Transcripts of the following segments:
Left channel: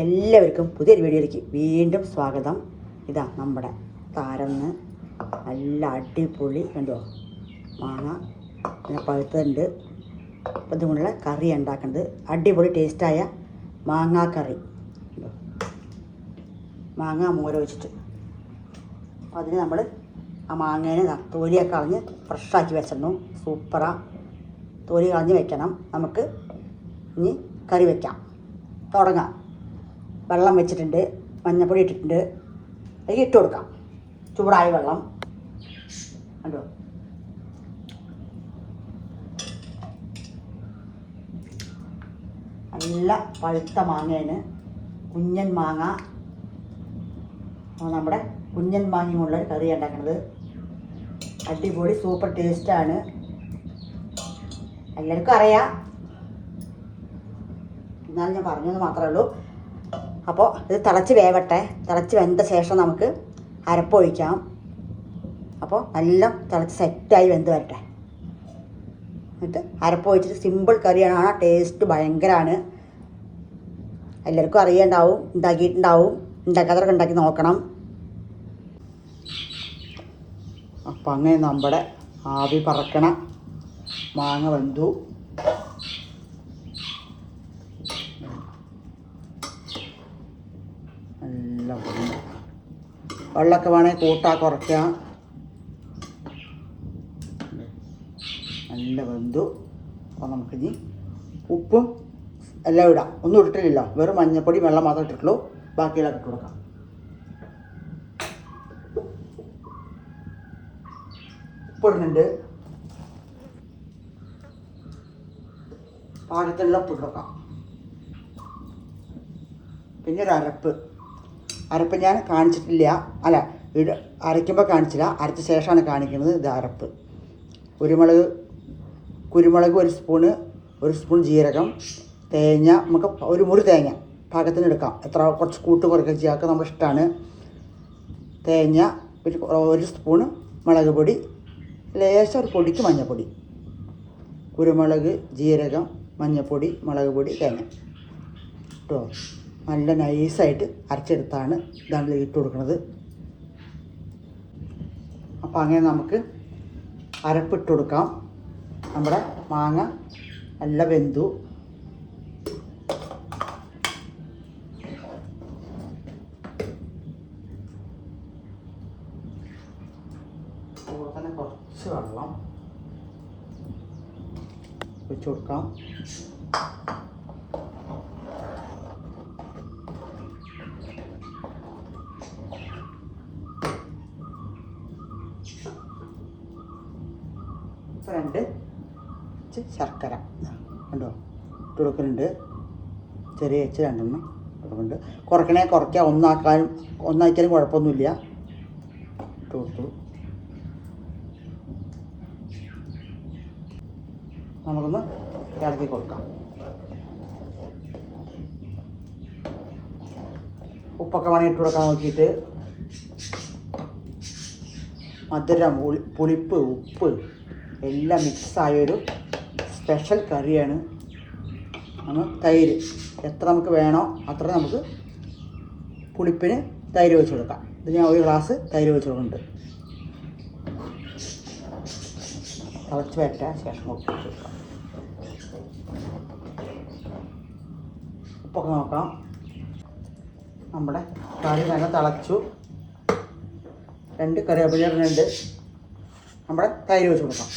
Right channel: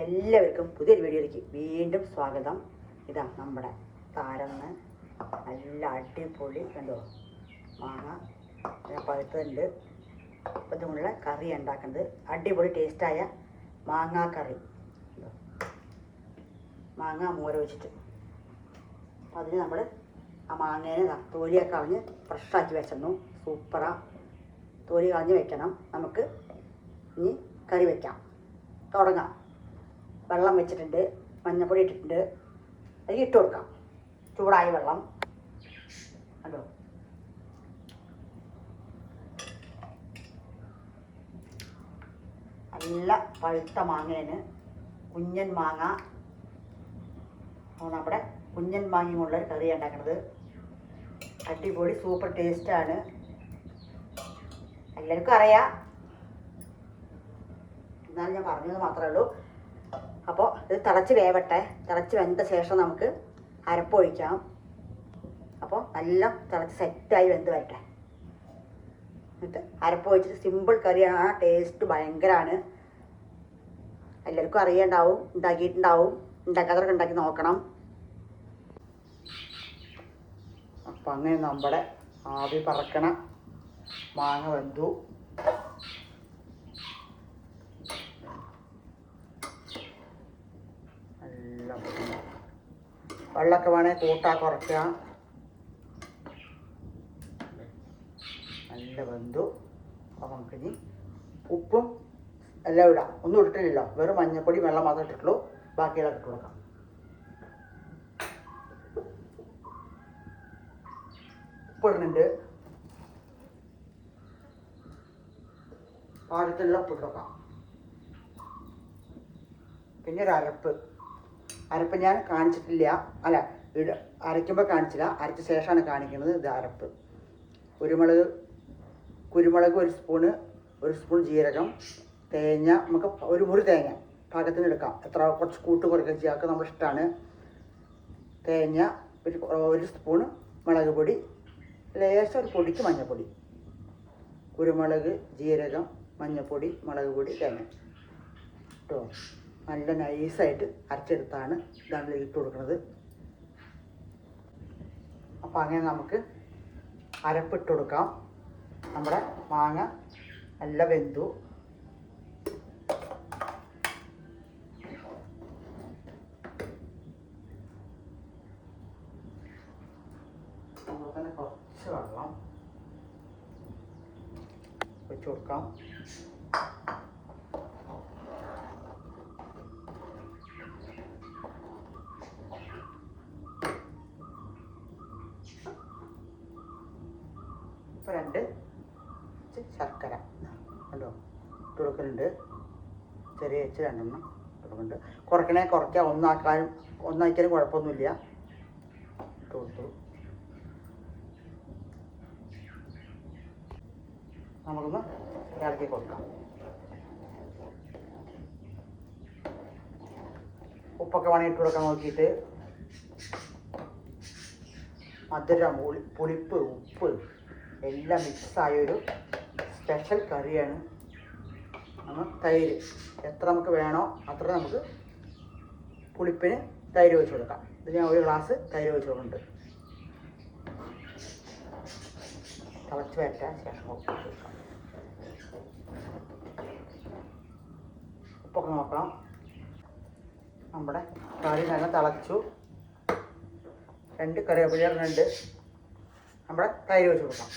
എല്ലാവർക്കും പുതിയൊരു വീഡിയോയിലേക്ക് വീണ്ടും സ്വാഗതം. ഇതാ നമ്മുടെ താരന്ന് നല്ല അടിപൊളി കണ്ടോ മാങ്ങ പിന്നെ പഴുത്തുണ്ട്. അപ്പം ഇതുകൊണ്ടുള്ള കറി ഉണ്ടാക്കുന്നത് അടിപൊളി ടേസ്റ്റായ മാങ്ങാ കറി, മാങ്ങ മോര വെച്ചിട്ട്. അപ്പം അതിന് നമ്മൾ ആ മാങ്ങേനെ തോലിയൊക്കെ കളഞ്ഞ് ഫ്രഷാക്കി വെച്ചിരുന്നു. സൂപ്പറാ. തോലി കളഞ്ഞ് വെക്കണം. നമുക്ക് ഇനി കറി വയ്ക്കാം, തുടങ്ങാം. വെള്ളം വെച്ചിട്ടുണ്ട്, മഞ്ഞൾപ്പൊടി ഇട്ടിട്ടുണ്ട്, അതിലേക്ക് ഇട്ട് കൊടുക്കാം. ചൂടായ വെള്ളം കണ്ടോ. നല്ല പഴുത്ത മാങ്ങേന് കുഞ്ഞൻ മാങ്ങ, നമ്മുടെ കുഞ്ഞൻ മാങ്ങയുമുള്ളൊരു കറി ഉണ്ടാക്കുന്നത്. അടിപൊളി സൂപ്പർ ടേസ്റ്റാണ്, എല്ലാവർക്കും അറിയാം. എന്നാലും ഞാൻ പറഞ്ഞത് മാത്രമേ ഉള്ളൂ. അപ്പോൾ ഇത് തിളച്ച് വേവട്ടെ. തിളച്ച് വെന്ത ശേഷം നമുക്ക് അരപ്പൊഴിക്കാം. അപ്പോൾ നല്ല തിളച്ച് സെറ്റായി വെന്ത് വരട്ടെ. എന്നിട്ട് അരപ്പൊഴിച്ചിട്ട് സിമ്പിൾ കറിയാണ്. ആ ടേസ്റ്റ് ഭയങ്കരമാണ്. എല്ലാവർക്കും അറിയണ്ടാവും, ഉണ്ടാക്കിയിട്ടുണ്ടാവും. ഉണ്ടാക്കാത്തവർക്ക് ഉണ്ടാക്കി നോക്കണം. അപ്പം അങ്ങനെ നമ്മുടെ ആവി പറക്കണ മാങ്ങ വെന്തു. നല്ല വെള്ളമൊക്കെ വേണമെങ്കിൽ കൂട്ടാ കുറയ്ക്കാം. നല്ല വെന്തു. അപ്പോൾ നമുക്കിനി ഉപ്പും എല്ലാം ഇടാം. ഒന്നും ഇട്ടിട്ടില്ലല്ലോ, വെറും മഞ്ഞൾപ്പൊടി വെള്ളം മാത്രമേ ഇട്ടിട്ടുള്ളൂ. ബാക്കിയെല്ലാം ഇട്ട് കൊടുക്കാം. ഉപ്പിടുന്നുണ്ട്, പാകത്തിലുള്ള ഉപ്പ് കൊടുക്കാം. പിന്നെ ഒരു അരപ്പ് ഞാൻ കാണിച്ചിട്ടില്ല, അല്ല അരയ്ക്കുമ്പോൾ കാണിച്ചില്ല, അരച്ച ശേഷമാണ് കാണിക്കുന്നത്. ഇത് അരപ്പ്. കുരുമുളക് ഒരു സ്പൂൺ ജീരകം, തേങ്ങ, നമുക്ക് ഒരു മുറി തേങ്ങ പാകത്തിന് എടുക്കാം. കുറച്ച് കുറയ്ക്കുക ചെയ്യാത്ത നമ്മുടെ ഇഷ്ടമാണ്. തേങ്ങ, ഒരു സ്പൂണ് മുളക് പൊടി, ലേശം ഒരു പൊടിക്ക് മഞ്ഞൾപ്പൊടി, കുരുമുളക്, ജീരകം, മഞ്ഞൾപ്പൊടി, മുളക് പൊടി, തേങ്ങ കേട്ടോ. നല്ല നൈസായിട്ട് അരച്ചെടുത്താണ് ഇതാണ് ഇട്ട് കൊടുക്കുന്നത്. അപ്പോൾ അങ്ങനെ നമുക്ക് അരപ്പിട്ട് കൊടുക്കാം. നമ്മുടെ മാങ്ങ നല്ല വെന്തു. അതുപോലെ തന്നെ കുറച്ച് വെള്ളം വെച്ച് കൊടുക്കാം. രണ്ട് ശർക്കര കണ്ടോ ഇട്ട് കൊടുക്കുന്നുണ്ട്. ചെറിയ വെച്ച് രണ്ടെണ്ണം കൊടുക്കുന്നുണ്ട്. കുറയ്ക്കണേ കുറയ്ക്കാം, ഒന്നാക്കിയാലും കുഴപ്പമൊന്നുമില്ല. ഇട്ട് കൊടുത്തു. നമുക്കൊന്ന് ഇളക്കി കൊടുക്കാം. ഉപ്പൊക്കെ വേണമെങ്കിൽ ഇട്ട് കൊടുക്കാൻ നോക്കിയിട്ട്. മധുരം, പുളിപ്പ്, ഉപ്പ് എല്ലാം മിക്സായൊരു സ്പെഷ്യൽ കറിയാണ്. തൈര് എത്ര നമുക്ക് വേണോ അത്ര നമുക്ക് പുളിപ്പിന് തൈര് ഒഴിച്ച് കൊടുക്കാം. ഇത് ഞാൻ ഒരു ഗ്ലാസ് തൈര് ഒഴിച്ച് കൊടുക്കുന്നുണ്ട്. തിളച്ച് വരട്ടെ ശേഷം ഉപ്പൊക്കെ നോക്കാം. നമ്മുടെ കറി നല്ല തിളച്ചു. 2 കറിവേപ്പില ഇടുന്നുണ്ട്. നമ്മുടെ തൈര് ഒഴിച്ച് കൊടുക്കാം.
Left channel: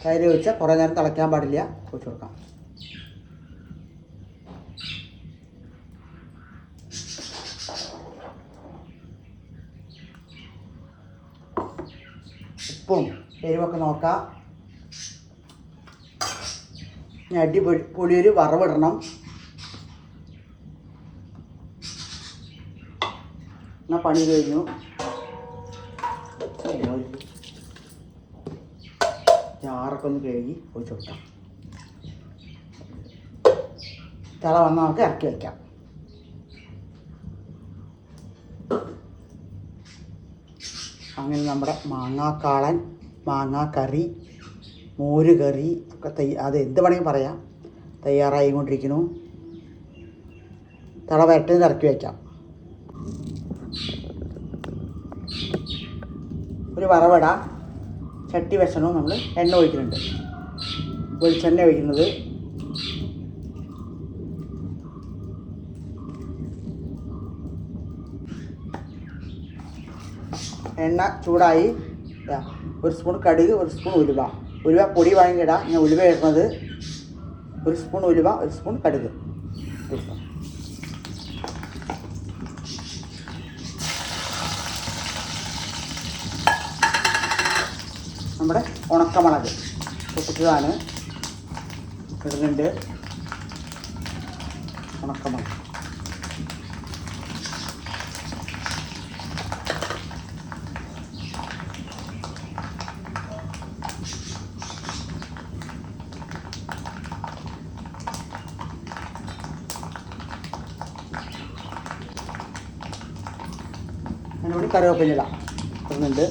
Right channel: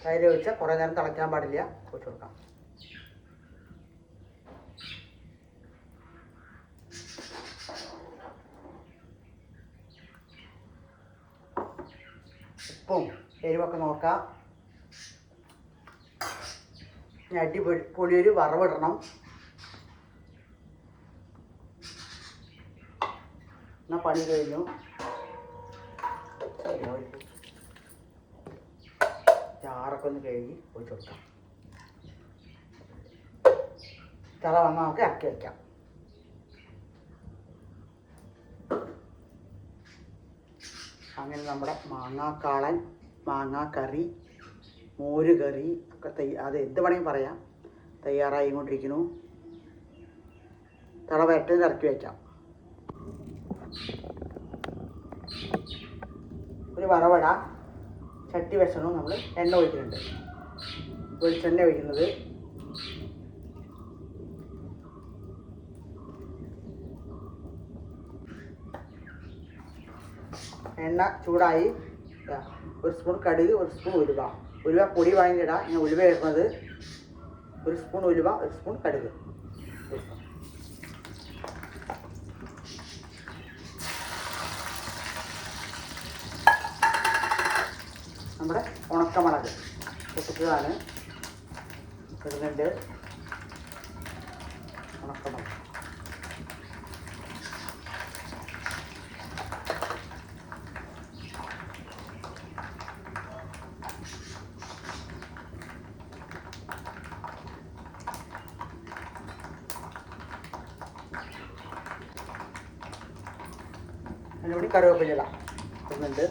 തൈര് ഒഴിച്ചാൽ കുറേ നേരം തിളയ്ക്കാൻ പാടില്ല. ഒഴിച്ച് കൊടുക്കാം. ഉപ്പും എരിവൊക്കെ നോക്കാം. ഇനി അടിപൊളിയൊരു വറവിടണം. എന്നാൽ പണി കഴിഞ്ഞു. ചാറൊക്കെ ഒന്ന് കഴുകി ഒഴിച്ച് കൊടുക്കാം. തിള വന്നാൽ നമുക്ക് ഇറക്കി വയ്ക്കാം. അങ്ങനെ നമ്മുടെ മാങ്ങാക്കാളൻ, മാങ്ങാക്കറി, മോര് കറി ഒക്കെ അത് എന്ത് വേണമെങ്കിൽ പറയാം, തയ്യാറായിക്കൊണ്ടിരിക്കുന്നു. തള വരട്ടി ഇറക്കി വയ്ക്കാം. ഒരു വറവട ചട്ടി വെച്ചണോ നമ്മൾ എണ്ണ ഒഴിക്കുന്നുണ്ട്. വെളിച്ചെണ്ണ ഒഴിക്കുന്നത്. എണ്ണ ചൂടായി. ഒരു സ്പൂൺ കടുക്, ഒരു സ്പൂൺ ഉലുവ. ഉലുവ പൊടി വേണമെങ്കിൽ ഇടാം. ഞാൻ ഉലുവ ഇടുന്നത്. ഒരു സ്പൂൺ ഉലുവ, ഒരു സ്പൂൺ കടുക്. നമ്മുടെ ഉണക്കമുളക് ഇട്ടതാണ് ഇടുന്നുണ്ട്. ഉണക്കമുളക് അതിനോട് കറിവേപ്പില ഇടുന്നുണ്ട്.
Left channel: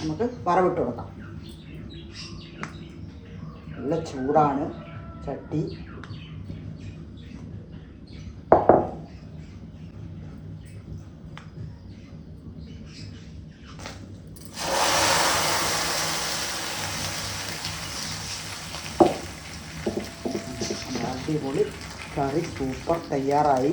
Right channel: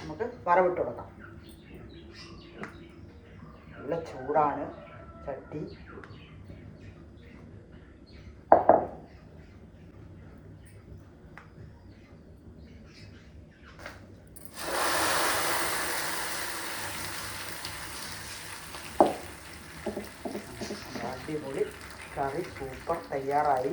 നമുക്ക് വറവിട്ട് കൊടുക്കാം. നല്ല ചൂടാണ് ചട്ടി. അടിപൊളി കറി സൂപ്പർ തയ്യാറായി.